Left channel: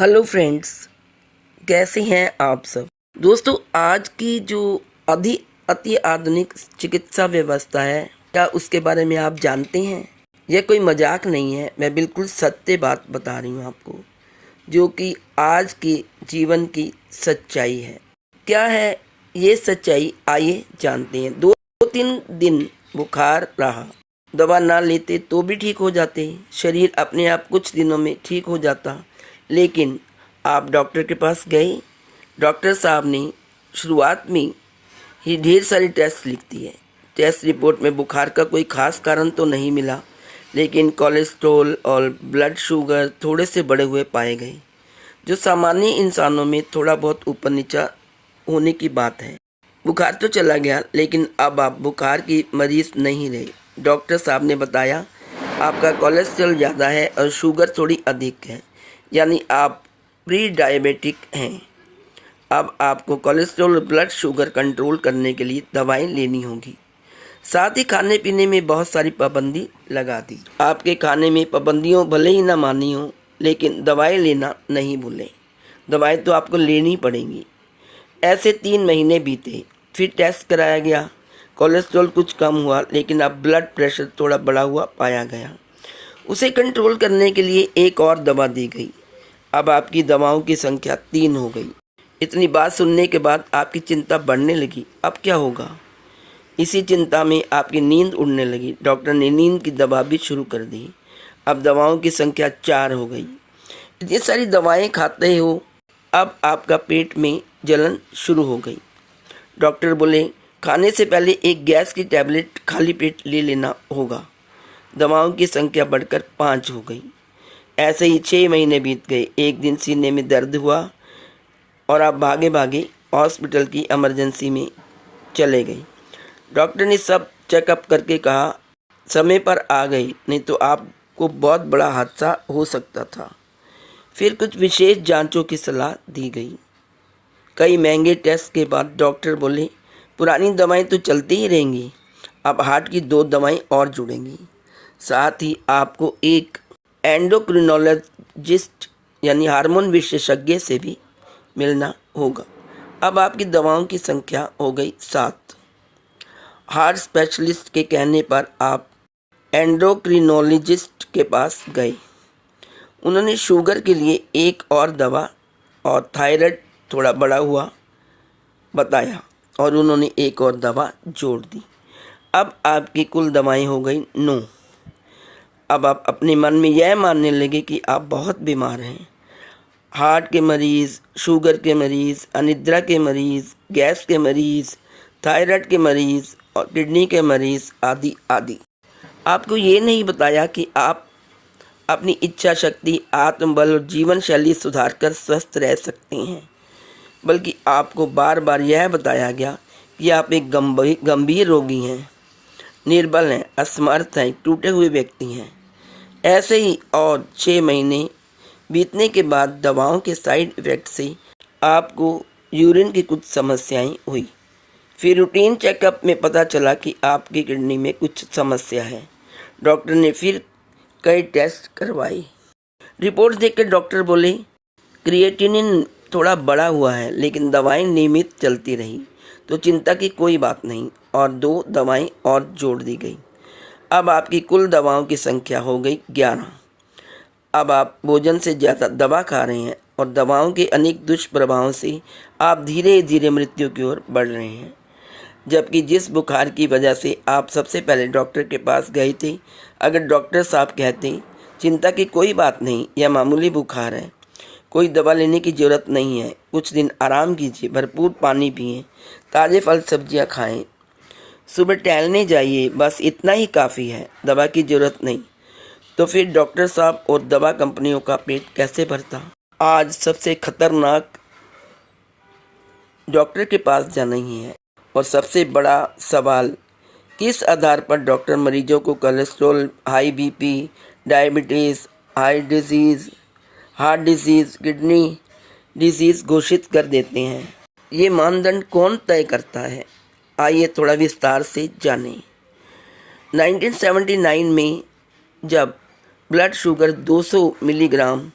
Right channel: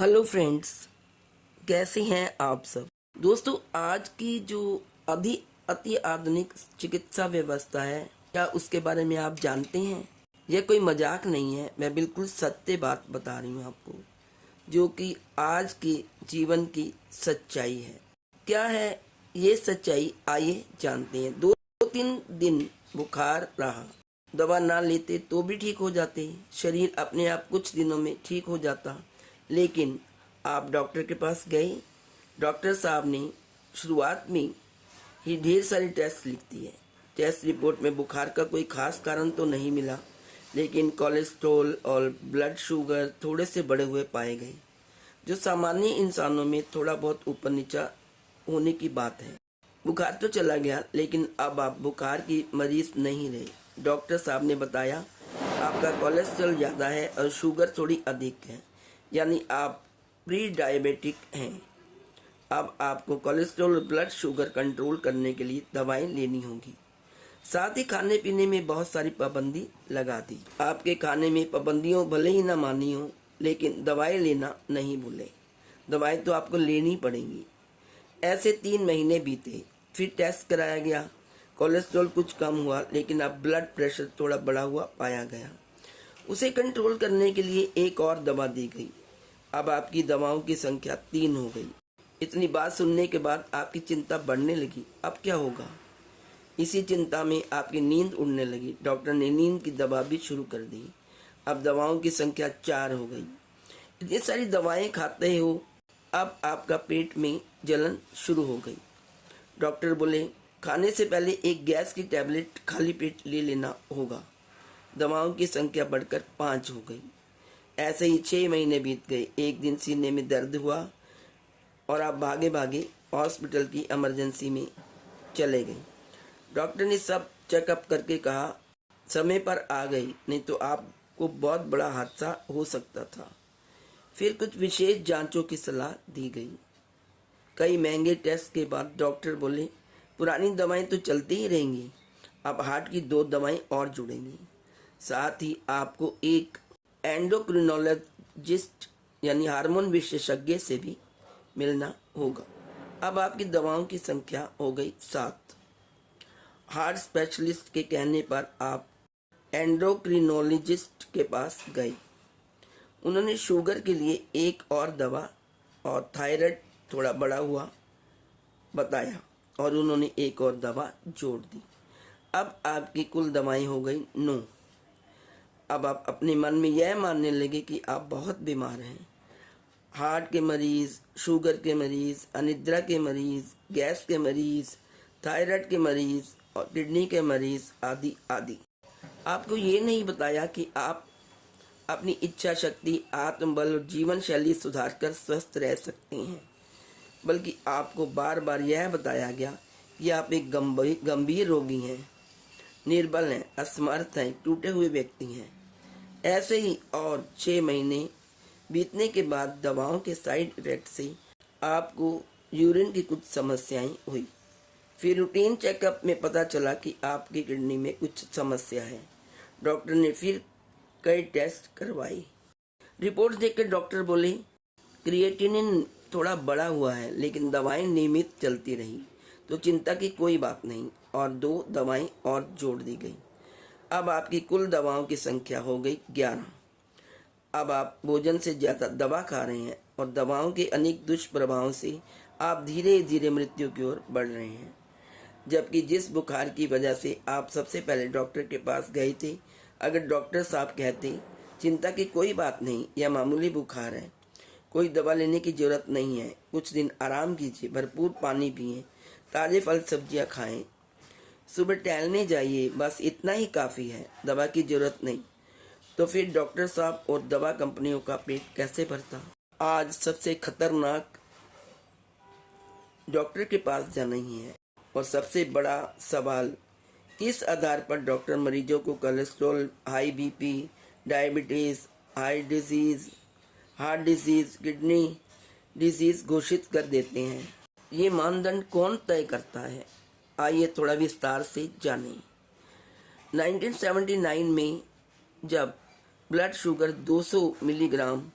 Hello friends, कैसे हैं आप सब। दोस्तों, आज की जो अति आधुनिक चिकित्सा व्यवस्था है, क्या उसके बारे में आप जानते हैं? यह कोई मजाक नहीं है, मैं बिल्कुल सत्य बात बता रही हूँ आपको, जो कि आज के जीवन की सच्चाई है। क्या है ये सच्चाई, आइए जानते हैं। 2-3 दिन बुखार रहा, दवा ना लेते तो भी ठीक हो जाते, शरीर अपने आप कुछ दिनों में ठीक हो जाता। लेकिन आप डॉक्टर के पास गए, डॉक्टर साहब ने शुरुआत में ही ढेर सारी टेस्ट लिख दी है। टेस्ट रिपोर्ट में बुखार का कोई खास कारण तो नहीं मिला, लेकिन कोलेस्ट्रॉल और ब्लड शुगर थोड़े से बढ़े हुए पाए गए, जो सामान्य इंसानों में थोड़ा बहुत ऊपर नीचा होने की बात है। बुखार तो चला गया, लेकिन अब आप बुखार की मरीज नहीं रहे। डॉक्टर साहब ने बताया आपका कोलेस्ट्रॉल ज़्यादा है और शुगर थोड़ी अधिक है, यानी आप प्री डायबिटिक हैं। अब आपको कोलेस्ट्रॉल और ब्लड शुगर कंट्रोल करने के लिए दवाएं लेनी होगी। साथ ही खाने पीने में बहुत सारी पाबंदी लगा दी। आपके खाने में पाबंदियों भले ही ना मानी हो, लेकिन दवाएं लेना नहीं भूलें। दवाएं तो आपको लेनी पड़ेंगी। ऐसे 3 महीने बीते, फिर टेस्ट कराया गया। कोलेस्ट्रॉल कुछ कम हुआ, लेकिन अब ब्लड प्रेशर थोड़ा बढ़ा हुआ पाया गया। उसे कंट्रोल करने के लिए एक और दवा दी गई। अब आपकी दवाओं की संख्या 3 हो गई। इतनी बात सुनने के बाद आपकी चिंता बढ़ने लगी। अब क्या होगा? इसी चिंता में आपकी नींद उड़ने लगी। डॉक्टर ने नींद की दवा भी शुरू कर दी। अब दवाओं की संख्या 4 हो गई। इतनी सारी दवाएं खाते हो, अब आपका पेट में जलन शुरू हो गई। डॉक्टर बोले खाने से पहले एक गैस की टैबलेट खाली पेट ले लेना होगा। दवाओं की संख्या बढ़कर 5 हो गई। ऐसे ही 6 महीने बीत गए। एक दिन सीने में दर्द हुआ और आप भागे भागे हॉस्पिटल की इमरजेंसी में चले गए। डॉक्टर ने सब चेकअप करके कहा समय पर आ गई, नहीं तो आपको बहुत बड़ा हादसा हो सकता था। फिर कुछ विशेष जांचों की सलाह दी गई। कई महंगे टेस्ट के बाद डॉक्टर बोले पुरानी दवाएं तो चलती ही रहेंगी, अब हार्ट की 2 दवाएं और जुड़ेंगी। साथ ही आपको एक एंडोक्रिनोलॉजिस्ट यानी हार्मोन विशेषज्ञ से भी मिलना होगा। अब आपकी दवाओं की संख्या हो गई 7। हार्ट स्पेशलिस्ट के कहने पर आप एंडोक्रिनोलॉजिस्ट के पास गए। उन्होंने शुगर के लिए एक और दवा और थायराइड थोड़ा बढ़ा हुआ बताया, और उन्होंने एक और दवा जोड़ दी। अब आपकी कुल दवाएं हो गई 9। अब आप अपने मन में यह मानने लगे कि आप बहुत बीमार हैं। हार्ट के मरीज़, शुगर के मरीज़, अनिद्रा के मरीज़, गैस के मरीज़, थायराइड के मरीज़ और किडनी के मरीज़ आदि आदि। आपको ये नहीं बताया कि आप अपनी इच्छा शक्ति, आत्मबल और जीवन शैली सुधार कर स्वस्थ रह सकते हैं, बल्कि आपको बार बार यह बताया गया कि आप एक गंभीर रोगी हैं, निर्बल हैं, असमर्थ हैं, टूटे हुए व्यक्ति हैं। ऐसे ही और 6 महीने बीतने के बाद दवाओं के साइड इफ़ेक्ट से आपको यूरिन की कुछ समस्याएं हुई। फिर रूटीन चेकअप में पता चला कि आपकी किडनी में कुछ समस्या है। डॉक्टर ने फिर कई टेस्ट करवाए। रिपोर्ट देखकर डॉक्टर बोले क्रिएटिनिन थोड़ा बढ़ा हुआ है, लेकिन दवाएं नियमित चलती रही तो चिंता की कोई बात नहीं, और 2 दवाएं और जोड़ दी गई। अब आपकी कुल दवाओं की संख्या हो गई 11। अब आप भोजन से ज़्यादा दवा खा रहे हैं, और दवाओं के अनेक दुष्प्रभावों से आप धीरे धीरे मृत्यु की ओर बढ़ रहे हैं। जबकि जिस बुखार की वजह से आप सबसे पहले डॉक्टर के पास गए थे, अगर डॉक्टर साहब कहते चिंता की कोई बात नहीं, यह मामूली बुखार है, कोई दवा लेने की ज़रूरत नहीं है, कुछ दिन आराम कीजिए, भरपूर पानी पिएं, ताज़े फल सब्जियां खाएं, सुबह टहलने जाइए, बस इतना ही काफ़ी है, दवा की ज़रूरत नहीं, तो फिर डॉक्टर साहब और दवा कंपनियों का पेट कैसे भरता। आज सबसे खतरनाक डॉक्टर के पास जाना ही है, और सबसे बड़ा सवाल किस आधार पर डॉक्टर मरीजों को cholesterol, high BP, diabetes, heart disease, kidney disease घोषित कर देते हैं। ये मानदंड कौन तय करता है? आइए थोड़ा विस्तार से जानें। 1979 में जब ब्लड शुगर 200 मिलीग्राम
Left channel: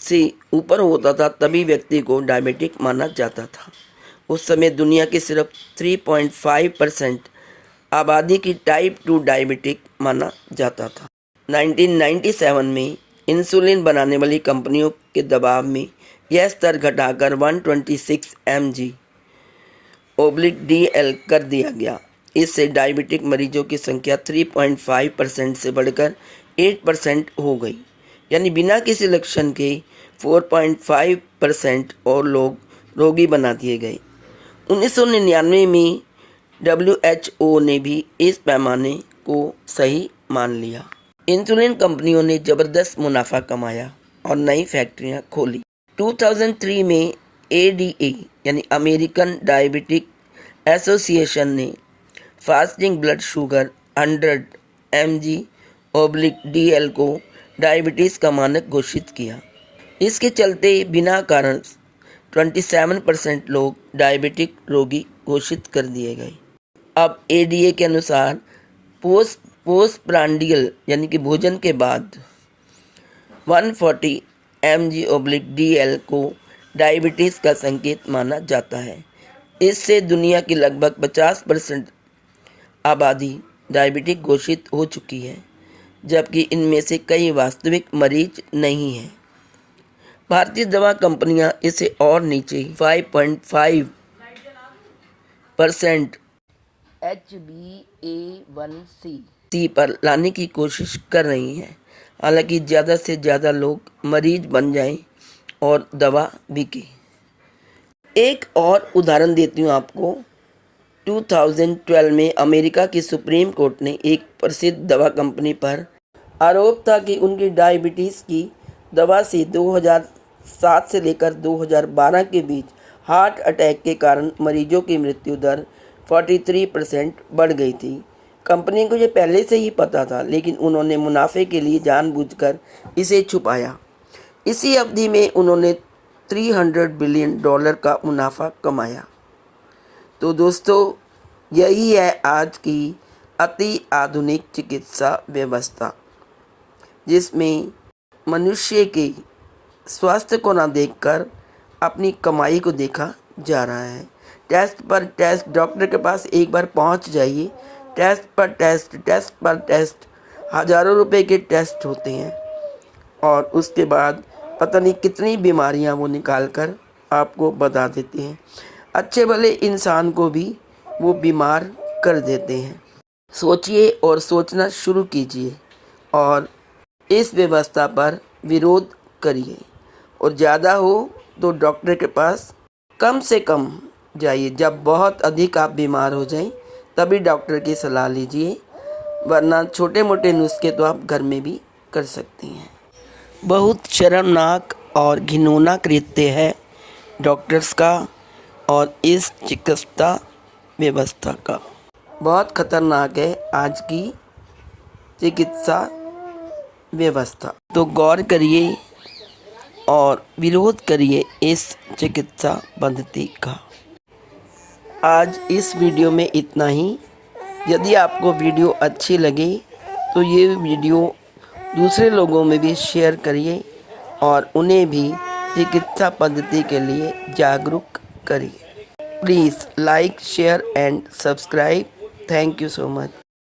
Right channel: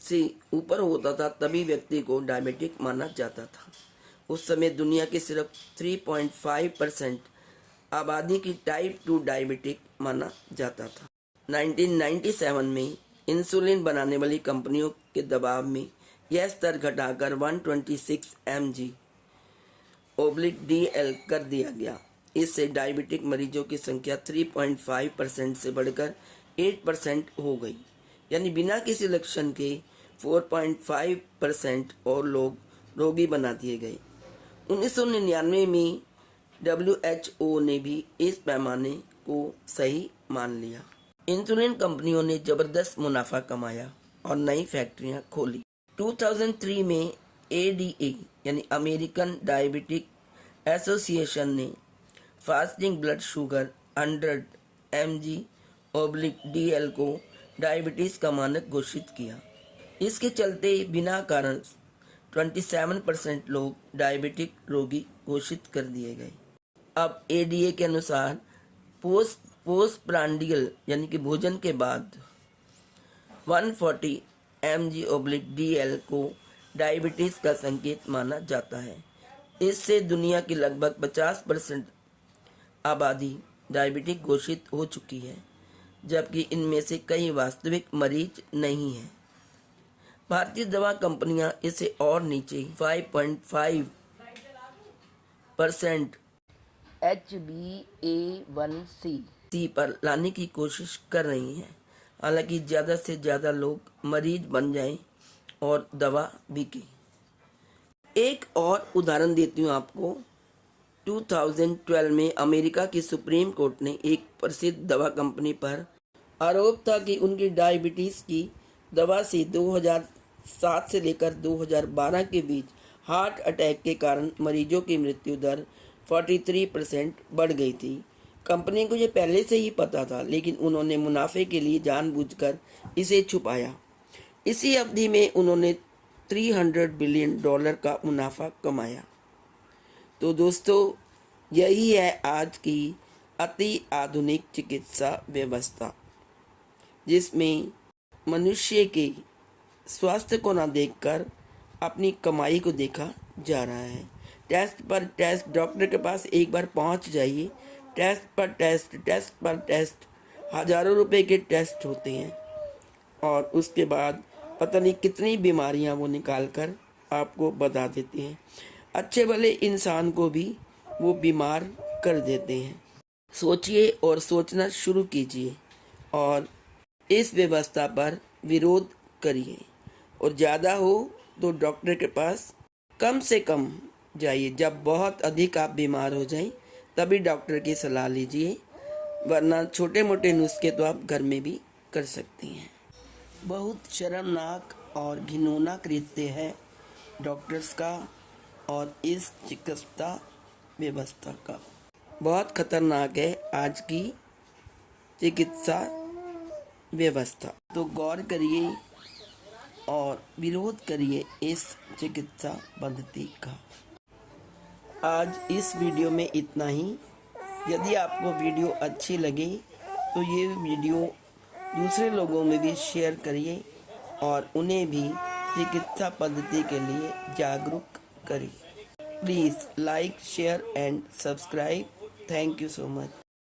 से ऊपर होता था तभी व्यक्ति को डायबिटिक माना जाता था। उस समय दुनिया की सिर्फ 3.5% आबादी की टाइप 2 डायबिटिक माना जाता था। 1997 में इंसुलिन बनाने वाली कंपनियों के दबाव में यह स्तर घटाकर 126 mg/dl कर दिया गया। इससे डायबिटिक मरीजों की संख्या 3.5% से बढ़कर 8% हो गई, यानी बिना किसी लक्षण के 4.5% और लोग रोगी बना दिए गए। 1999 में WHO ने भी इस पैमाने को सही मान लिया। इंसुलिन कंपनियों ने ज़बरदस्त मुनाफा कमाया और नई फैक्ट्रियां खोली। 2003 में ADA यानी अमेरिकन डायबिटिक एसोसिएशन ने फास्टिंग ब्लड शुगर 100 mg/dl को डायबिटीज़ का मानक घोषित किया। इसके चलते बिना कारण 27% लोग डायबिटिक रोगी घोषित कर दिए गए। अब ADA के अनुसार पोस्टप्रांडियल यानी कि भोजन के बाद 140 mg/dl को डायबिटीज़ का संकेत माना जाता है। इससे दुनिया की लगभग 50% आबादी डायबिटिक घोषित हो चुकी है, जबकि इनमें से कई वास्तविक मरीज नहीं हैं। भारतीय दवा कंपनियां इसे और नीचे 5.5% HbA1c पर लाने की कोशिश कर रही हैं, हालांकि ज़्यादा से ज़्यादा लोग मरीज बन जाएं और दवा बिके। एक और उदाहरण देती हूँ आपको। 2012 में अमेरिका की सुप्रीम कोर्ट ने एक प्रसिद्ध दवा कंपनी पर आरोप था कि उनकी डायबिटीज़ की दवा से 2007 से लेकर 2012 के बीच हार्ट अटैक के कारण मरीजों की मृत्यु दर 43% बढ़ गई थी। कंपनी को ये पहले से ही पता था, लेकिन उन्होंने मुनाफे के लिए जानबूझकर इसे छुपाया। इसी अवधि में उन्होंने $300 बिलियन का मुनाफा कमाया। तो दोस्तों, यही है आज की अति आधुनिक चिकित्सा व्यवस्था, जिसमें मनुष्य के स्वास्थ्य को ना देखकर अपनी कमाई को देखा जा रहा है। टेस्ट पर टेस्ट, डॉक्टर के पास एक बार पहुंच जाइए, टेस्ट पर टेस्ट, हज़ारों रुपए के टेस्ट होते हैं और उसके बाद पता नहीं कितनी बीमारियां वो निकाल कर आपको बता देते हैं। अच्छे भले इंसान को भी वो बीमार कर देते हैं। सोचिए और सोचना शुरू कीजिए और इस व्यवस्था पर विरोध करिए, और ज़्यादा हो तो डॉक्टर के पास कम से कम जाइए। जब बहुत अधिक आप बीमार हो जाएं तभी डॉक्टर की सलाह लीजिए, वरना छोटे मोटे नुस्खे तो आप घर में भी कर सकती हैं। बहुत शर्मनाक और घिनौना कृत्य है डॉक्टर्स का और इस चिकित्सा व्यवस्था का। बहुत खतरनाक है आज की चिकित्सा व्यवस्था। तो गौर करिए और विरोध करिए इस चिकित्सा पद्धति का। आज इस वीडियो में इतना ही। यदि आपको वीडियो अच्छी लगे तो ये वीडियो दूसरे लोगों में भी शेयर करिए और उन्हें भी चिकित्सा पद्धति के लिए जागरूक करिए। Please like, share and subscribe. Thank you so much.